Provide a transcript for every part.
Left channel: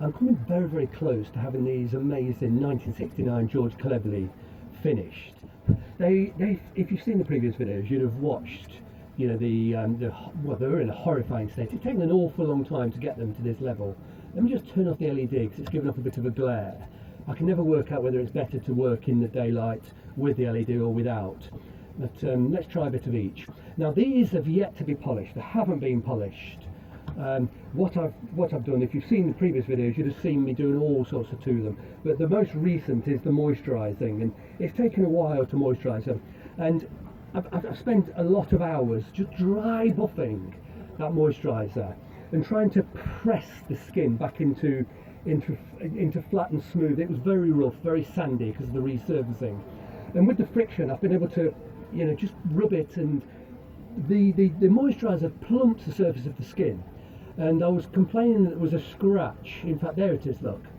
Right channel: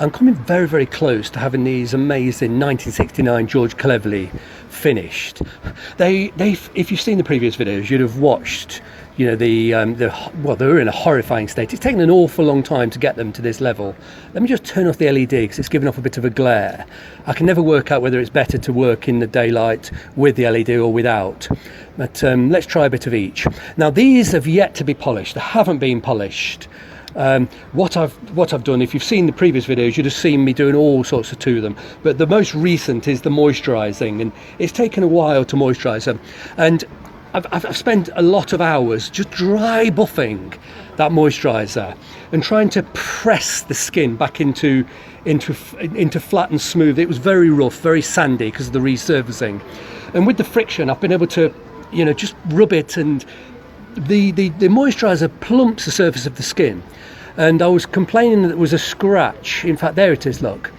I'm coming very, very close to having these amazing 1969 George Cleverley finished. If you've seen the previous videos, you'd have watched, you know, well, they were in a horrifying state. It's taken an awful long time to get them to this level. Let me just turn off the LED because it's giving off a bit of a glare. I can never work out whether it's better to work in the daylight with the LED or without. But let's try a bit of each. Now, these have yet to be polished. They haven't been polished. What I've done, if you've seen the previous videos, you'd have seen me doing all sorts to them, but the most recent is the moisturising, and it's taken a while to moisturise them, and I've spent a lot of hours just dry buffing that moisturiser and trying to press the skin back into flat and smooth. It was very rough, very sandy because of the resurfacing, and with the friction I've been able to, you know, just rub it, and the moisturiser plumps the surface of the skin. And I was complaining that there was a scratch. In fact, there it is, look.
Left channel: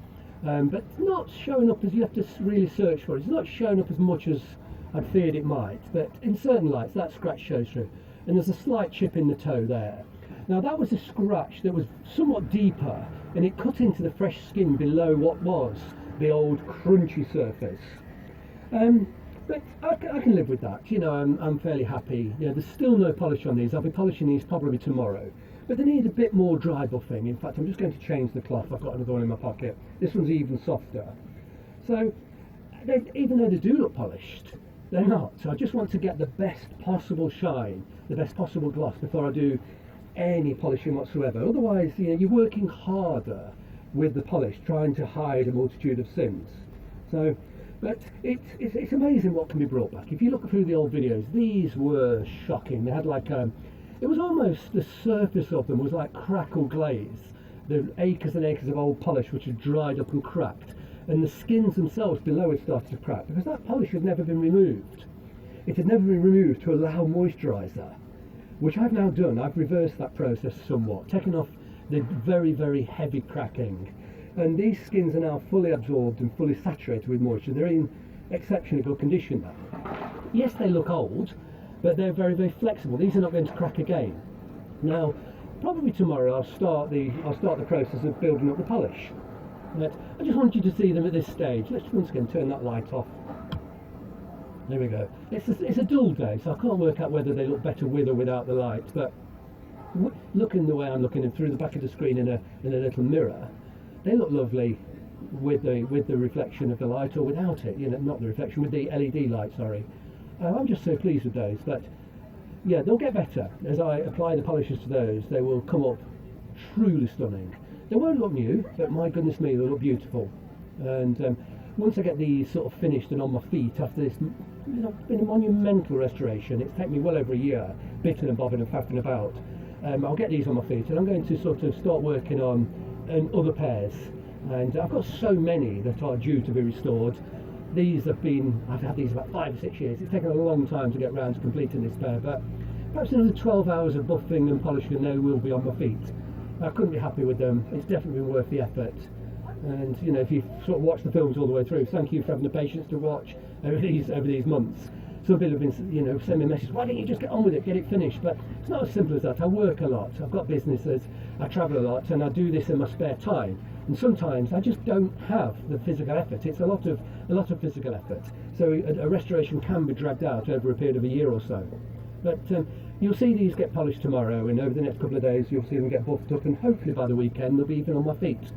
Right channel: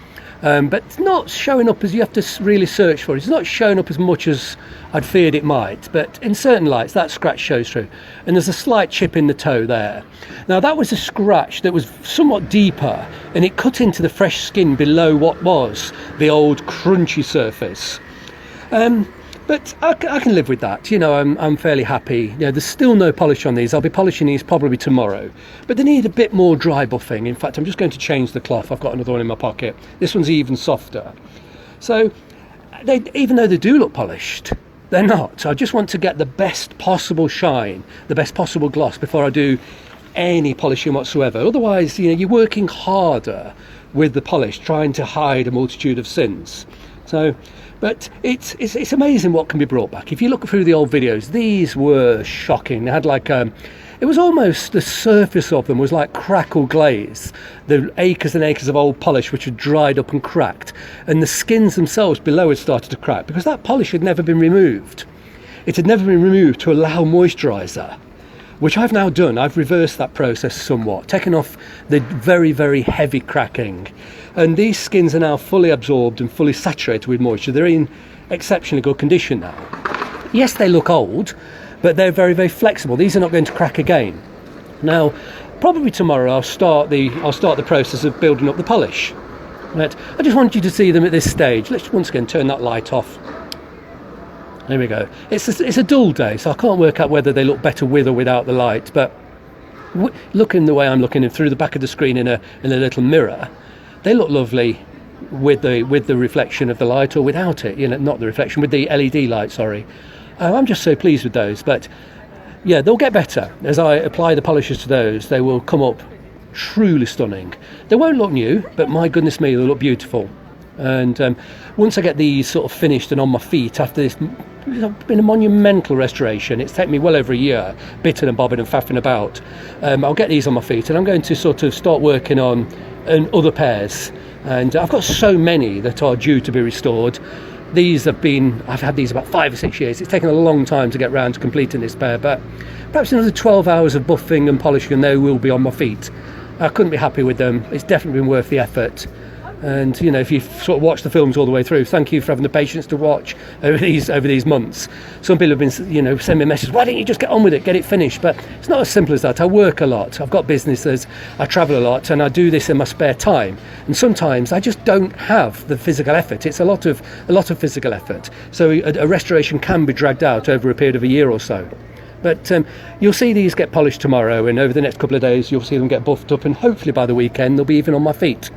But it's not showing up as you have to really search for it. It's not showing up as much as I'd feared it might. But in certain lights, that scratch shows through. And there's a slight chip in the toe there. Now, that was a scratch that was somewhat deeper, and it cut into the fresh skin below what was the old crunchy surface. But I can live with that. You know, I'm fairly happy. You know, there's still no polish on these. I'll be polishing these probably tomorrow, but they need a bit more dry buffing. In fact, I'm just going to change the cloth. I've got another one in my pocket. This one's even softer. So even though they do look polished, they're not. I just want to get the best possible shine, the best possible gloss before I do any polishing whatsoever. Otherwise, you know, you're working harder with the polish, trying to hide a multitude of sins. So, but it's amazing what can be brought back. If you look through the old videos, these were shocking. They had like it was almost, the surface of them was like crackle glaze. The acres and acres of old polish which had dried up and cracked, and the skins themselves below had started to crack because that polish had never been removed. It had never been removed to allow moisturiser, which I've now done. I've reversed that process somewhat, taken off the very, very heavy cracking. And these skins are now fully absorbed and fully saturated with moisture. They're in exceptionally good condition now. Yes, they look old, but they're very, very flexible. These are not going to crack again. Now, probably tomorrow I'll start the process of building up the polish. But I just want you to see them at this stage. Let's once again turn that light off. There we go. It's a dull day, so I can't work out whether they look better with or without the light. But looking the way I'm looking through the back of the screen in a little mirror, they look lovely with the reflection of the light or without it. You know, not the reflection, with the LED light. Sorry, I'm just so pleased with those. But yeah, they'll get better as I apply the polishes to those. They will come up truly stunning. They won't look new, but my goodness me, they'll look beautiful. And once I get these sort of finished and on my feet after this, it's been a monumental restoration. It's taken me well over a year, bitting and bobbing and faffing about. I'll get these on my feet, and I'm going to sort of start working on other pairs. And I've got so many that are due to be restored. I've had these about 5 or 6 years. It's taken a long time to get round to completing this pair, but perhaps another 12 hours of buffing and polishing and they will be on my feet. I couldn't be happy with them. It's definitely been worth the effort. And you know, if you've sort of watched the films all the way through, thank you for having the patience to watch over these months. Some people have been, you know, sending me messages, why don't you just get on with it, get it finished? But it's not as simple as that. I work a lot, I've got businesses, I travel a lot, and I do this in my spare time. And sometimes I just don't have the physical effort. It's a lot of physical effort. So a restoration can be dragged out over a period of a year or so. But you'll see these get polished tomorrow, and over the next couple of days you'll see them get buffed up, and hopefully by the weekend they'll be even on my feet.